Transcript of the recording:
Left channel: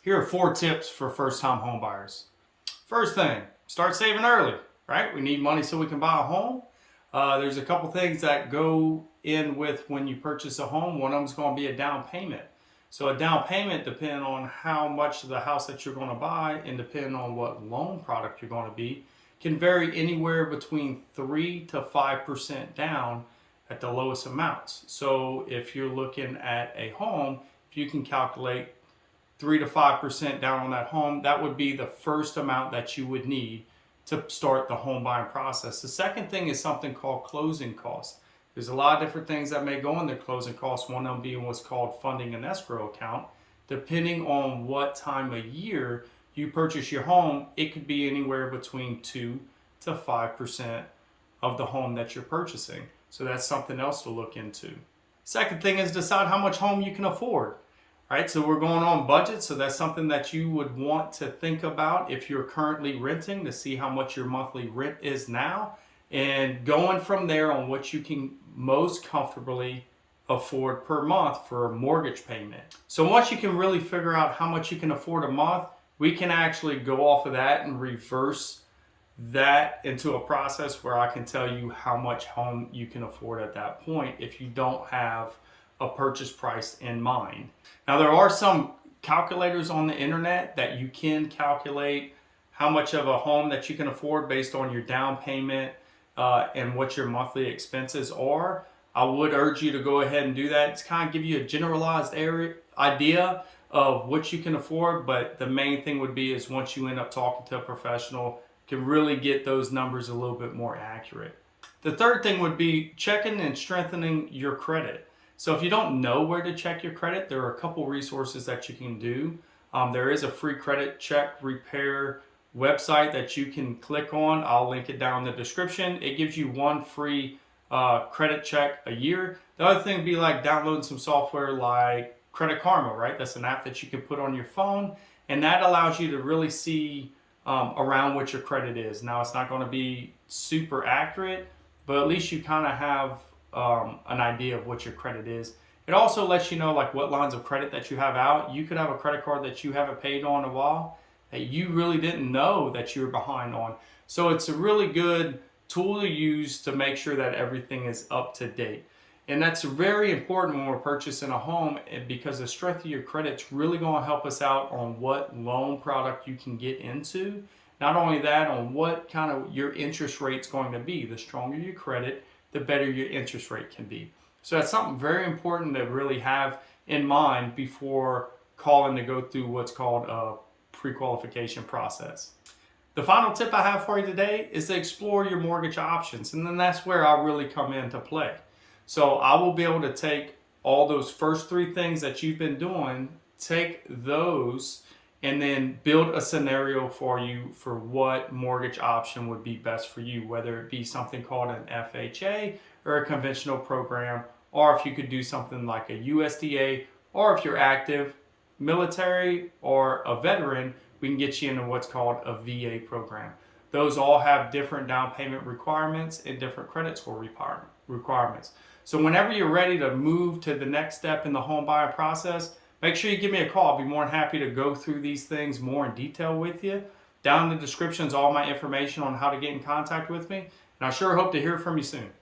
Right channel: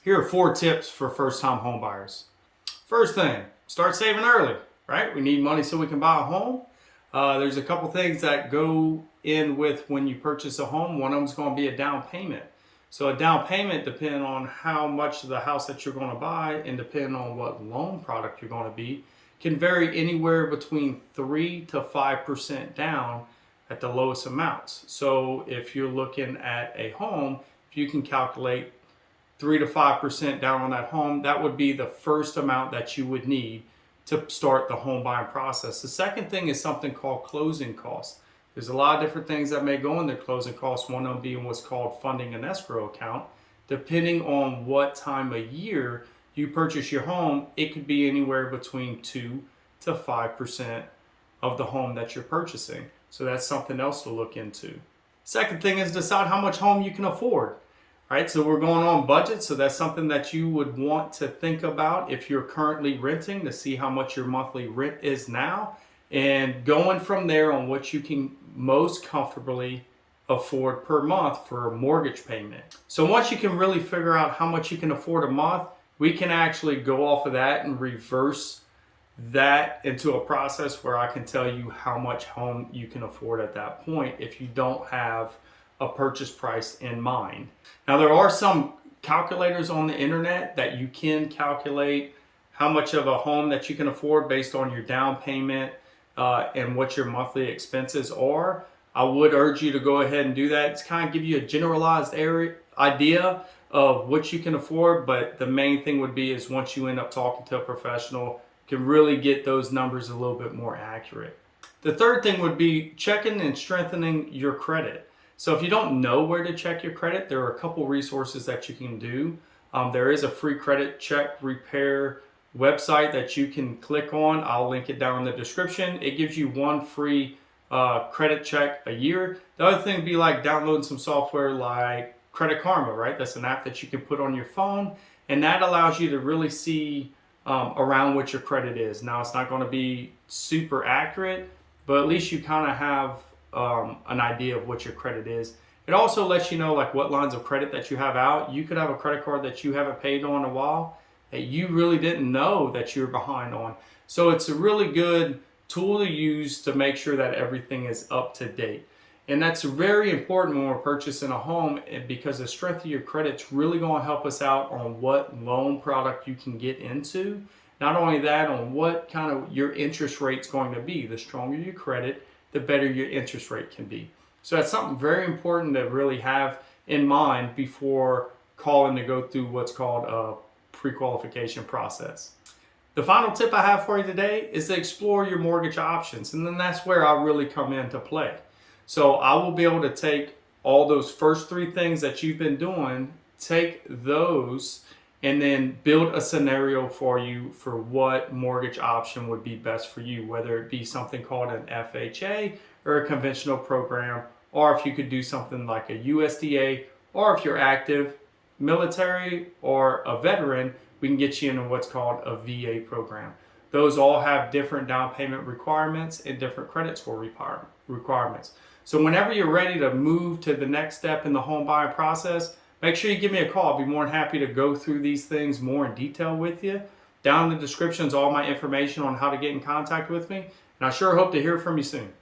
Here are 4 tips for first-time home buyers. First thing, start saving early, right? We need money so we can buy a home. There's a couple things that go in with when you purchase a home. One of them is going to be a down payment. So a down payment, depending on how much of the house that you're going to buy and depending on what loan product you're going to be, can vary anywhere between 3 to 5% down at the lowest amounts. So if you're looking at a home, if you can calculate 3 to 5% down on that home, that would be the first amount that you would need to start the home buying process. The second thing is something called closing costs. There's a lot of different things that may go into closing costs, one of them being what's called funding an escrow account. Depending on what time of year you purchase your home, it could be anywhere between 2 to 5% of the home that you're purchasing. So that's something else to look into. Second thing is decide how much home you can afford. Right, so we're going on budget, so that's something that you would want to think about if you're currently renting, to see how much your monthly rent is now, and going from there on what you can most comfortably afford per month for a mortgage payment. So once you can really figure out how much you can afford a month, we can actually go off of that and reverse that into a process where I can tell you how much home you can afford at that point if you don't have a purchase price in mind. Now, there are some calculators on the internet that you can calculate how much of a home that you can afford based on your down payment and what your monthly expenses are. I would urge you to go ahead and do that. It's kind of give you a generalized idea of what you can afford, but the main thing would be is once you end up talking to a professional, you can really get those numbers a little bit more accurate. The third thing would be checking and strengthening your credit. So if you don't know where to check your credit, there are a couple resources that you can do. There is a free credit check repair website that you can click on. I'll link it down in the description. It gives you one free credit check a year. The other thing would be like downloading some software like Credit Karma, right? That's an app that you can put on your phone, and that allows you to really see around what your credit is. Now, it's not going to be super accurate, but at least you kind of have an idea of what your credit is. It also lets you know like what lines of credit that you have out. You could have a credit card that you haven't paid on in a while that you really didn't know that you were behind on. So it's a really good tool to use to make sure that everything is up to date. And that's very important when we're purchasing a home, because the strength of your credit's really going to help us out on what loan product you can get into. Not only that, on what kind of your interest rate's going to be. The stronger your credit, the better your interest rate can be. So that's something very important to really have in mind before calling to go through what's called a pre-qualification process. The final tip I have for you today is to explore your mortgage options, and then that's where I'll really come into play. So I will be able to take all those first 3 things that you've been doing, take those and then build a scenario for you for what mortgage option would be best for you, whether it be something called an FHA or a conventional program, or if you could do something like a USDA, or if you're active, military, or a veteran, we can get you into what's called a VA program. Those all have different down payment requirements and different credit score requirements. So whenever you're ready to move to the next step in the home buying process, make sure you give me a call. I'll be more than happy to go through these things more in detail with you. Down in the description is all my information on how to get in contact with me. And I sure hope to hear from you soon.